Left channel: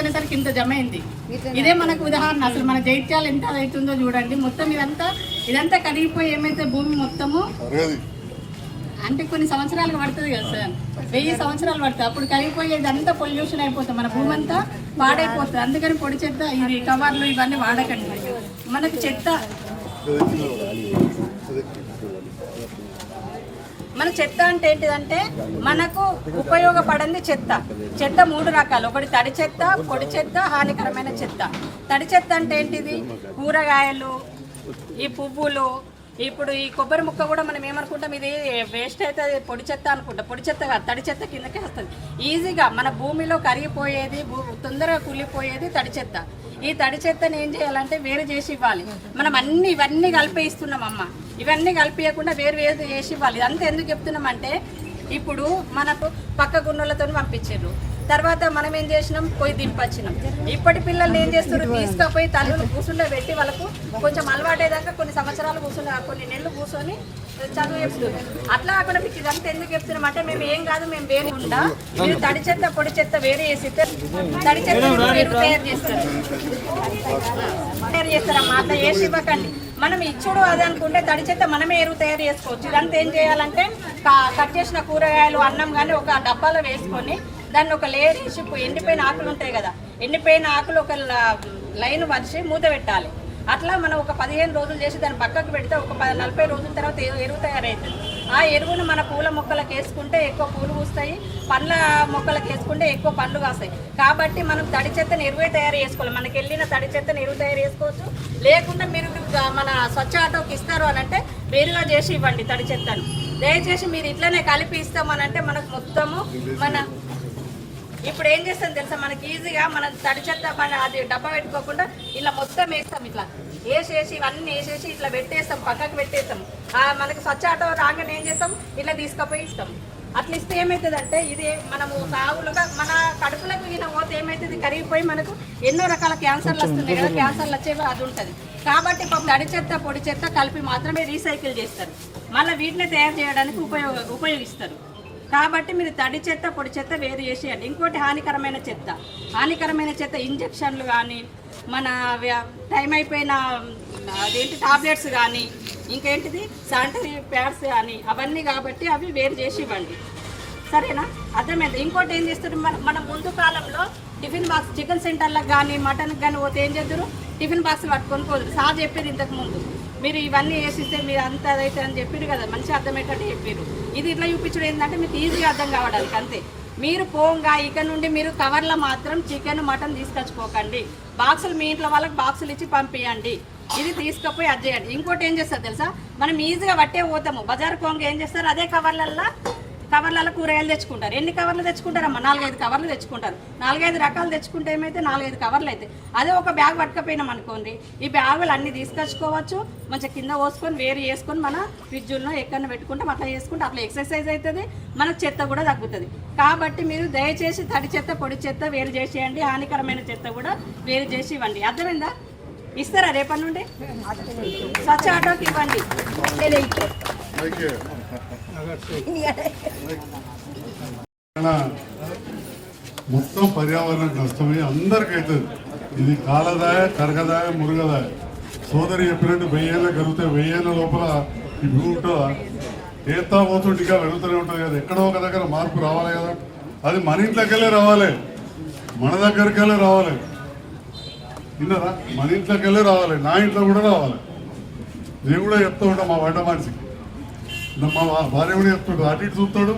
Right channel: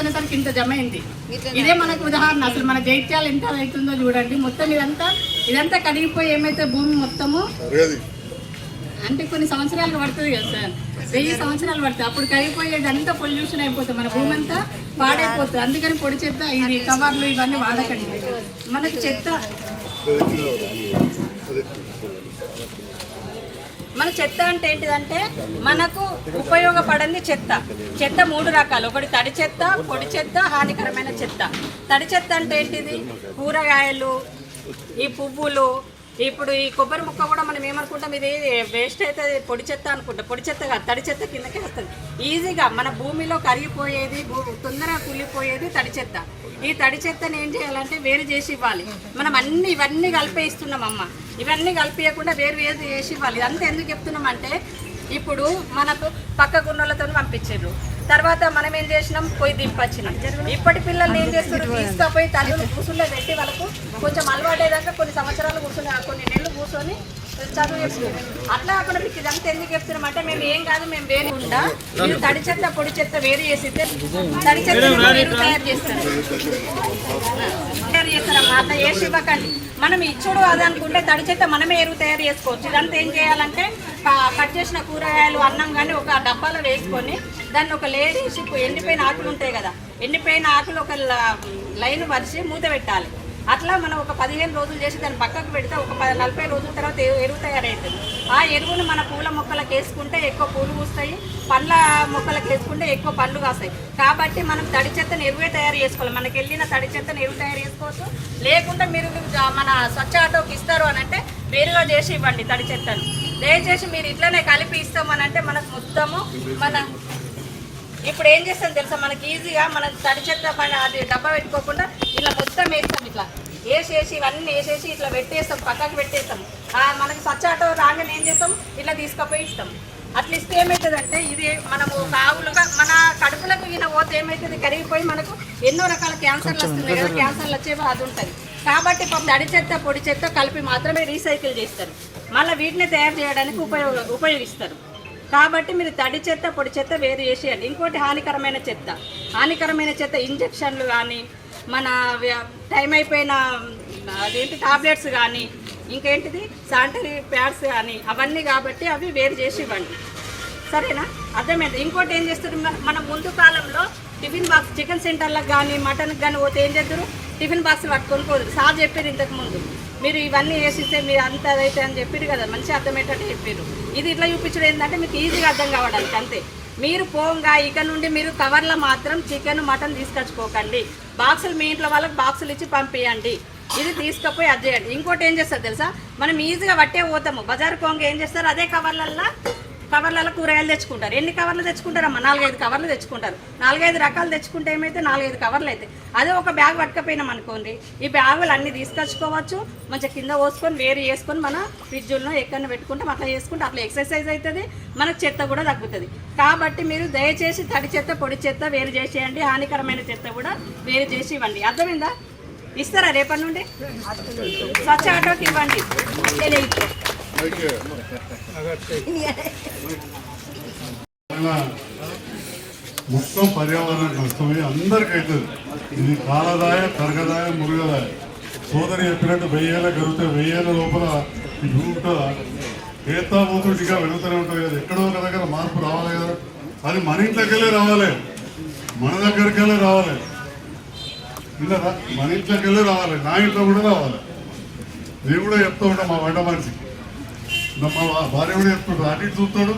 అనేసరికి ఇంత జమ అయింది. ఇదే మనకు ఉదాహరణ. అసలు మన జైత్యాలు ఎంత అవుతుందో చూడండి. మొత్తం ఇదంతా కడిగిపోయి ఏమైతే భూమి మొత్తము అంటే కొన్ని సంవత్సరాలు పడుతుంది కదా సార్, 1000 సంవత్సరాలు పడుతుంది. అప్పుడు కరిగిపోయేది అంతా పొల్యూషన్ అయిపోతుంది, మన భూమి అంతా పాడైపోతుంది. అందుకని పొడి చెత్త ఇది కవర్లు ఇవన్నీ వాడకండి. మనకు మన చెత్త అంటే ఏంటిదంటే మనకు ఉపయోగపడంది చెత్త. చెత్త 3 రకాలు. ఒకటి తడి చెత్త, పొడి చెత్త, హానికరమైన చెత్త. తడి చెత్త అంటే ఏంటిది? కూరగాయలు, ఈ పువ్వులు, ఇప్పుడు ఈ కొబ్బరి ముక్క కూడా మనం ఏమనుకుంటాం, ఇది వేస్ట్ అయితే పొడి చెత్త అనుకుంటాం. పొడి చెత్త కాదు, తడి చెత్త కిందకే వస్తుంది. ఈజీగా మన భూమిలో కరిగిపోయేది, తొందరగా కూలిపోయేది తడి చెత్త. ఈ తడి చెత్తని ఏం చేయాలంటే వేరు చేసి ఇవ్వాలి. మనం ఇవన్నీ కలిపేస్తున్నాం అమ్మ. ఇవన్నీ కలిపియకుండా వేరు చేసి ఇవ్వాలి. ఇదంతా ఎందుకు చెప్తున్నామంటే ఇప్పుడు మనకు పక్క గున్నోళ్ళతో పంపించారు. తర్వాత మనం ఏం చేసినాం, పోయి దింపొచ్చినాం. ఇప్పటి పిల్లల్ని ఏం చేస్తారు, తీసుకుపోయి తల్లులు కూర్చుల్లో పెట్టి వాళ్ళకు కొంచెం అలవాటేదాకా కొన్ని సంవత్సరాలు కూర్చొని, కొన్ని నెలలు కూర్చొని చదువు చెప్తున్నాం. అట్లా కాకుండా మీకు ఇదంతా ఎందుకు చెప్తున్నాం అంటే మేము ఏం కాదు, మేము వేరే ఉండా మీరు తడి చెత్త పొడి చెత్త వేరే చేసి తడి చెత్త తయారు చేస్తారమ్మా. అట్లా చేసి ఇవ్వకండి. మనం ఇచ్చుడు అది అనుకుంటే తడి చెత్త మనమే ఎరువు తయారు చేసుకోవచ్చు. ఇదంతా ఏం చేయాలంటే కట్ చేసిన కూరగాయలు, అన్నం కానీ ఒక డబ్బాలో వేసుకొని దాన్ని ఒక లేయర్ వేసి, ఎండిపోయిన ఆకులు ఉంటాయి కదా, ఎండిపోయిన ఆకులు ఒక లైన్ వరిసి మూత పెట్టాలి. అట్లా మనం ఒక 15 రోజులు చేసి దాన్ని పక్కకు పెడితే ఒక 40 రోజుల తర్వాత ఎరువు తయారవుతుంది. ఆ ఎరువును మన పూల మొక్కలకు వేసుకుంటే ఎక్కువ పూలు పూస్తాయి, పండ్ల మొక్కలకు వేసుకుంటే ఎక్కువ పండ్లు కాస్తాయి. కాబట్టి మనం తడి చెత్తను ఎరువే తయారు చేసుకోవాలి. మనకి వెళ్ళిన తడి చెత్తను ఎరువు తయారు చేసుకోవచ్చు. లేకుండా మీరు మన స్వచ్ఛ ఆటోకి ఇస్తారు అని అంటే వేరుగా చేసి ఇవ్వండి తడి చెత్తను. దయచేసి మీరు ఇట్లనే కలిపి ఇస్తామనంటే మనకు మొత్తము ఇప్పుడు ఏం చేస్తాం తెలుసా, మనకి ఈజీగా మన తడి చెత్త అది డబ్బా పెట్టుకోకుండా ఇలా మొత్తం వేస్తాం. ఇట్లా వేసేసి ఇవన్నీ వేసేసి ఇట్లా పెట్టేస్తాం, పక్కకు పెట్టేస్తాం. మనకి స్వచ్ఛ ఆటో రాగానే ఏం చేస్తాం, ఇట్లా తీసుకుపోయి ఇస్తాం. అట్లా ఇస్తే ఏమవుతుందంటే ఇది మనము కావులుగా మన కడుపులకు ఈయన పోతే ఏమవుతుంది, కరిగిపోయి మనకు ఎన్నో రకాల క్యాన్సర్లు వస్తున్నాయి కదా, క్యాన్సర్లు వచ్చేవి అది ఉంటుంది. కాబట్టి తడి చెత్త పొడి చెత్త కలిపి మాత్రమే రీసైకిల్ చేస్తారు. మళ్ళీ వీటిని తయారు చేయడానికి ఉపయోగిస్తారు. కాబట్టి మీరు తడి చెత్త పొడి చెత్త వేరు చేసేయండి. ఇంకోటి హానికరమైన చెత్త ఇంజక్షన్లు కానీ, మన టైం అయిపోయిన అదేంటి టాబ్లెట్స్ కానీ, ఇంకేంటిది శానిటరీ ప్యాడ్స్ కానీ, అవన్నీ కాబట్టి అవి వేరు చేసి ఇవ్వండి. సరేనా? అర్థమైంది. ఇంకోటి ఏం చేస్తారు, మన ముందు కాలంలో టిఫిన్ బాక్స్ చికెన్ సెంటర్లకు కానీ మటన్కి కానీ పోతే ఏం చేస్తారు, టిఫిన్ బాక్స్ పట్టుకొని పోదు. సార్ చెప్పారు ఇంతకుముందు, మీరు ఇవన్నీ వేసిస్తే మీరు అంత అదైతే అని చెప్పారు కదా, మంచిగా అర్థమయ్యేటట్టు చెప్పారు. ఇది ఇట్లా చూపించడం ఏంటంటే మీకు ఈజీగా అర్థం కావడానికి అంతే. మీరు పోంగా ఇక నుండి మీరు కవర్లో మాత్రం చికెన్ మటన్ తీసుకొచ్చుకోకండి. బాక్సులు మీ ఇంట్లో వాళ్ళకి బాక్సులు ఇచ్చి పంపించండి. ఇది తీసుకుపోయి అది చేయండి. ఇంకోటి ఏం చేస్తారు తెలుసా, మనం ఈజీగా పట్టే పోతాము. బజార్ పోంగా ఏం చేస్తారు, అదే కవర్లలో కూరగాయలు తెచ్చుకుంటారు. ఎన్ని కవర్లు తెచ్చుకుంటారమ్మా? 4-5 కవర్లు తెచ్చుకుంటారు. 4-5 రకాలు తెచ్చుకుంటే ఏమైతే 4-5 కవర్లు అయితే అదే ఒక బ్యాగ్ పట్టుకపోయినాం అనుకోండి, ఈ బ్యాగులు అన్నీ తీసుకొచ్చుకోవచ్చు. మంచిగా కింద పోసుకొని వేరు చేసుకొని మన ఫ్రిడ్జ్లో ఎక్కడ పెట్టుకుంటాం. అట్లా చేసుకుంటే అట్లా ఎక్సర్సైజ్ అవుతుంది, మనకు చెత్త కూడా తగ్గుతుంది. కాబట్టి మీరు దయచేసి తడి చెత్త పొడి చెత్త వేరు చేసేయండి, హానికరమైన చెత్త కూడా వేరు చేసి ఇవ్వండి. అర్థమైందా? ఇస్తారా రేపటి నుండి? స్వచ్ఛ ఆటోకి ఇవ్వండి. మొత్తం పర్యావరణం నష్టమే అందరికి అవుతుంది. ఇది కాలదాయ, కరగదాయ, మురుగదాయ. సోదరి చెప్పినట్టు 1000 ఏళ్ళ కరుగుతే 1000 ఏళ్ళ లోపల ఈ భూమి ఉంటుందా? ఏతా పోతుంటిగా వెళుతూనే ఉంటుంది కదా. ఎక్కడో ఒక దగ్గర మార్పు రావాలి కదా. అది మన ఇంట్లోకెళ్ళే రావాలి, మన దగ్గరికెళ్ళే రావాలి. ఇందరా మన ఇంట్లోకెళ్ళే రావాలి, నా ఇంట్లో కూడా రావాలి. నేను కూడా చెప్తూ ఉంటాను మా వంట మనిషికి, మా భార్య కూడా చెప్తుంటాడు, అటు ఇటు చూస్తాడు.